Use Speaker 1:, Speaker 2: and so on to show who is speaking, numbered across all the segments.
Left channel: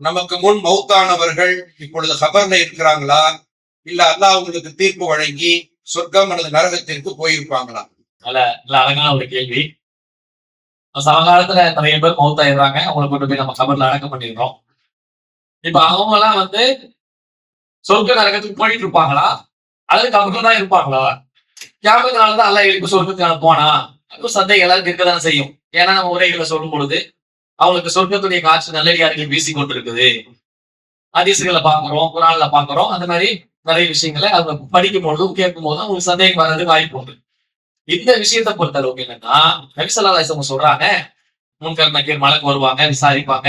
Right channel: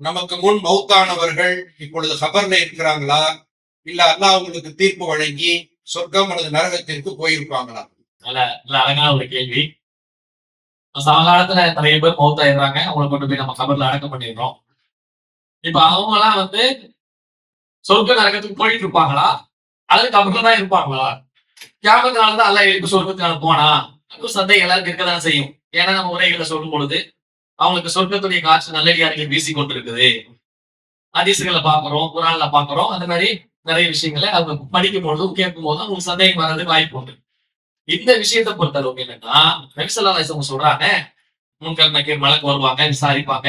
Speaker 1: நமக்கு முன் மௌத்தானவர்கள் இப்பொழுது கபர்ல இருக்கிறாங்களா? இல்ல அல்லாஹ் அவங்களுக்கு தீர்ப்பு வழங்கி சொர்க்கம் அல்லது நரகத்திற்கு போயிருப்பாங்களா?
Speaker 2: நல்ல நல்ல அழகான ஒரு கேள்வி. சமகாலத்துல நிறைய பேர் மௌத்தாயிடுறாங்க. அவங்களை கொண்டு போய் நம்ம கபர்ல அடக்கம் பண்ணிடுறோம். இப்ப அவங்க எல்லாம் வந்து சொர்க்க நரகத்துக்கு போயிட்டு இருப்பாங்களா? அல்லது கபர்ல தான் இருப்பாங்களா? ஞாபகத்தினால தான் அல்ல இப்ப சொர்க்கத்துக்கு போனா சந்தேகம் எல்லாருக்கும் இருக்கதான் செய்யும். ஏன்னா உரைகளை சொல்லும் பொழுது அவங்களுக்கு சொர்க்கத்துடைய காற்று நல்லடியார்கள் வீசி கொண்டிருக்குது அதிசுகளை பாக்குறோம் குரான்ல பாக்குறோம் அந்த மாதிரி நிறைய விஷயங்களை அவங்க படிக்கும் போதும் கேட்கும் போதும் அவங்களுக்கு சந்தேகம் வராது வாய்ப்பு உண்டு. இந்த விஷயத்தை பொறுத்தளவுக்கு என்னன்னா நபிசல்லாசம் சொல்றாங்க முன்கர் நக்கீர் மலைக்கு வருவாங்க விசாரிப்பாங்க.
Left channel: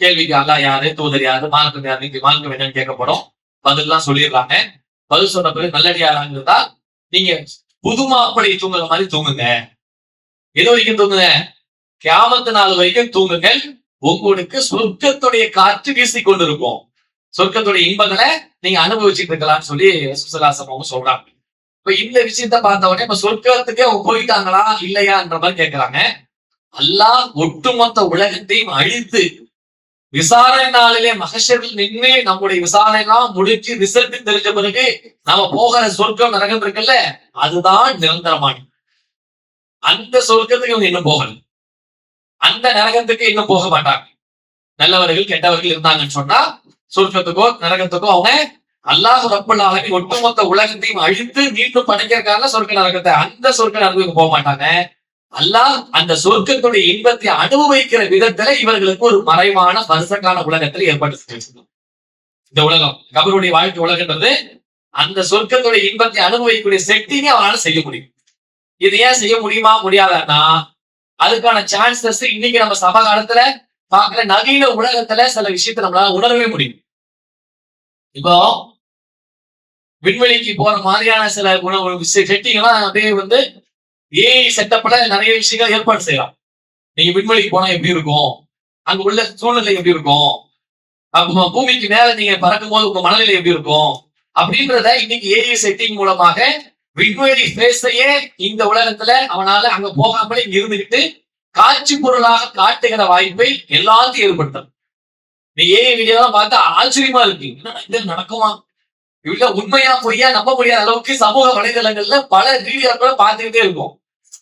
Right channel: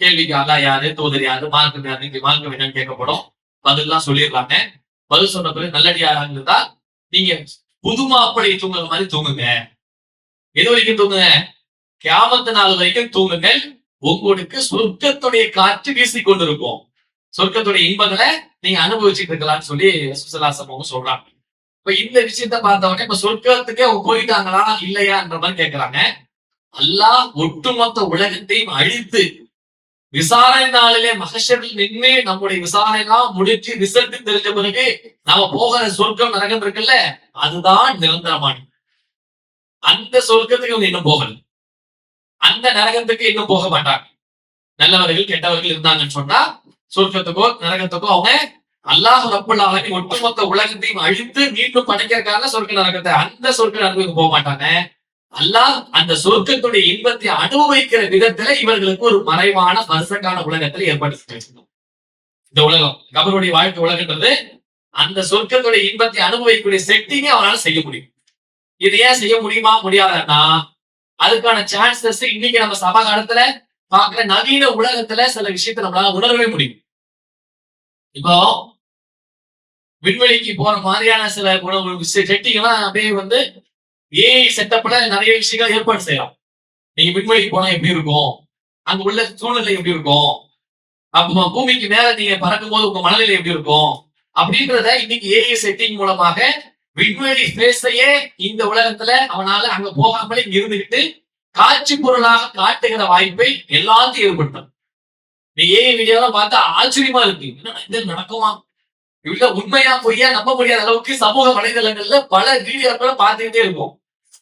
Speaker 2: கேள்விக்கு அல்லா யாரு தூதர் யாரு மார்க்கம் யாரு இங்க மார்க்கம் என்னன்னு கேட்கப்படும். பதில்லாம் சொல்லிடுறாங்க. பதில் சொன்ன பிறகு நல்லடியாரா இருந்தால் நீங்க புது மாப்பிள்ளை தூங்குற மாதிரி தூங்குங்க. எது வரைக்கும் தூங்குங்க? கேமத்து நாள் வரைக்கும் தூங்குங்கள். உங்களுக்கு சொர்க்கத்துடைய காற்று வீசி கொண்டிருக்கும் சொர்க்கத்துடைய இன்பங்களை நீங்க அனுபவிச்சுட்டு இருக்கலாம்னு சொல்லி சுசலாசமாவும் சொல்றாங்க. இப்ப இந்த விஷயத்த பார்த்த உடனே இப்ப சொர்க்கத்துக்கே அவங்க போயிட்டாங்களா இல்லையான்ற மாதிரி கேட்கிறாங்க அல்லாஹ் ஒட்டுமொத்த உலகத்தையும் அழித்து விசாரணை நாளிலே மகஷரில் நின்று நம்முடைய விசாரணை எல்லாம் முடிச்சு ரிசல்ட் தெரிஞ்ச பிறகு நம்ம போகிற சொர்க்கம் நரகம் இருக்குல்ல அதுதான் நிரந்தரமானது. அந்த சொர்க்கத்துக்கு இவங்க இன்னும் போகல. அந்த நரகத்துக்கு இன்னும் போக மாட்டாங்க. நல்லவர்கள் கெட்டவர்கள் இருந்தாங்கன்னு சொன்னா சொர்க்கத்துக்கோ நரகத்துக்கோ அவங்க அல்லாஹ் ரப்பல் ஒட்டுமொத்த உலகத்தையும் அழித்து மீண்டும் படைக்கிறதுக்காக சொர்க்க நரகத்தை அந்த சொர்க்க நரகத்துக்கு போக மாட்டாங்க அல்லாஹ் அந்த சொர்க்கத்துடைய இன்பத்தை அனுபவிக்கிற விதத்துல இவர்களுக்கு ஒரு மறைவான வருஷக்கான உலகத்துல ஏற்பாடு இந்த உலகம் கபருடைய வாழ்க்கை உலகன்றது அந்த சொர்க்கத்துடைய இன்பத்தை அனுபவிக்கக்கூடிய செட்டிங்க அவனால செய்ய முடியும். இது ஏன் செய்ய முடியுமா? முடியாதான்னா அதுக்கான சான்சஸ் இன்னைக்கு நம்ம சபா காலத்துல பாக்குற நவீன உலகத்துல சில விஷயத்த நம்மளால உணரவே முடியும். இப்போ விண்வெளிக்கு போற மாதிரியான சில உணவு செட்டிங் எல்லாம் அப்படியே வந்து ஏஐ செட்டப்ல நிறைய விஷயங்கள் ஏற்பாடு செய்யலாம். நீங்க விண்வெளிக்கு போனா எப்படி இருக்கும்? அங்க உள்ள சூழ்நிலை எப்படி இருக்கும்? அப்போ பூமிக்கு மேல நீங்க பறக்கும் போது உங்க மனநிலை எப்படி இருக்கும்? அப்படின்றத இன்னைக்கு ஏஐ செட்டிங் மூலமாக விண்வெளி பேசையே இந்த உலகத்துல அவனால அங்க போகாமலே இங்க இருந்துகிட்டு காட்சி பொருளாக காட்டுகிற வாய்ப்பை எல்லாத்தையும் ஏற்படுத்தும். நீ ஏன் வீடியோலாம் பார்த்தா ஆச்சரியமா இருக்கு. இது நடக்குமா? இவ்வளவு உண்மையா பொய்யா நம்ப முடியாத அளவுக்கு சமூக வலைதளங்கள்ல பல வீடியோக்களை பார்த்துக்கிட்டே இருக்கும்.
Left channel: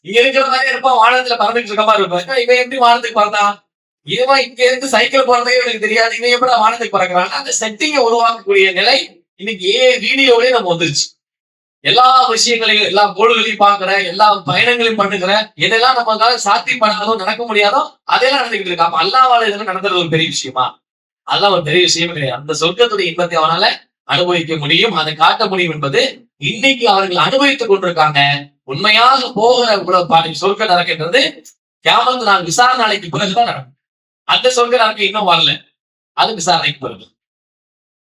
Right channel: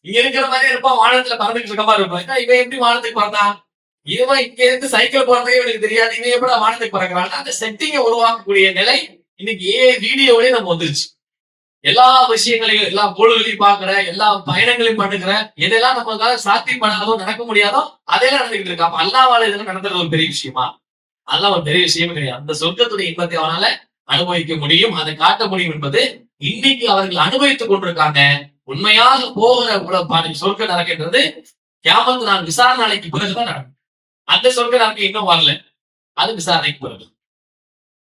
Speaker 2: இங்க இருக்கிற மாதிரி இருப்பான் வானத்துல பறந்துட்டு இருக்க மாதிரி இருப்பான் இவன் எப்படி வானத்துக்கு பறந்தான் இவன் இங்க இருந்து சைக்கிள் போறதே இவனுக்கு தெரியாது. இவன் எப்படி வானத்துக்கு பறக்கிறான் அந்த செட்டிங்க உருவாக்கக்கூடிய நிலை இன்னைக்கு ஏ வீடியோவிலே நம்ம வந்துருச்சு. எல்லா விஷயங்களையும் எல்லா பொருள்களையும் பாக்குற எல்லா பயணங்களையும் பண்ணுகிற எதெல்லாம் நமக்காக சாத்தியப்படாதோ நடக்க முடியாதோ அதெல்லாம் நடந்துகிட்டு இருக்கா அப்ப அல்லாவால இதெல்லாம் நடந்துறது ஒரு பெரிய விஷயமா? அதெல்லாம் ஒரு பெரிய விஷயம் கிடையாது. அந்த சொர்க்கத்துடைய இன்பத்தை அவனால அனுபவிக்க முடியும். அதை காட்ட முடியும் என்பது இன்னைக்கு அவர்கள் அனுபவித்துக் கொண்டிருக்காங்க. உண்மையாக போகிற பாடி சொர்க்க நடக்கின்றது கியாமத்து நான் விசாரணை அழைக்கு பிறகுதான் நடக்கும். அந்த சொர்க்க நடக்க இன்னும் வரல. அது விசாரணைக்கு பிறகு.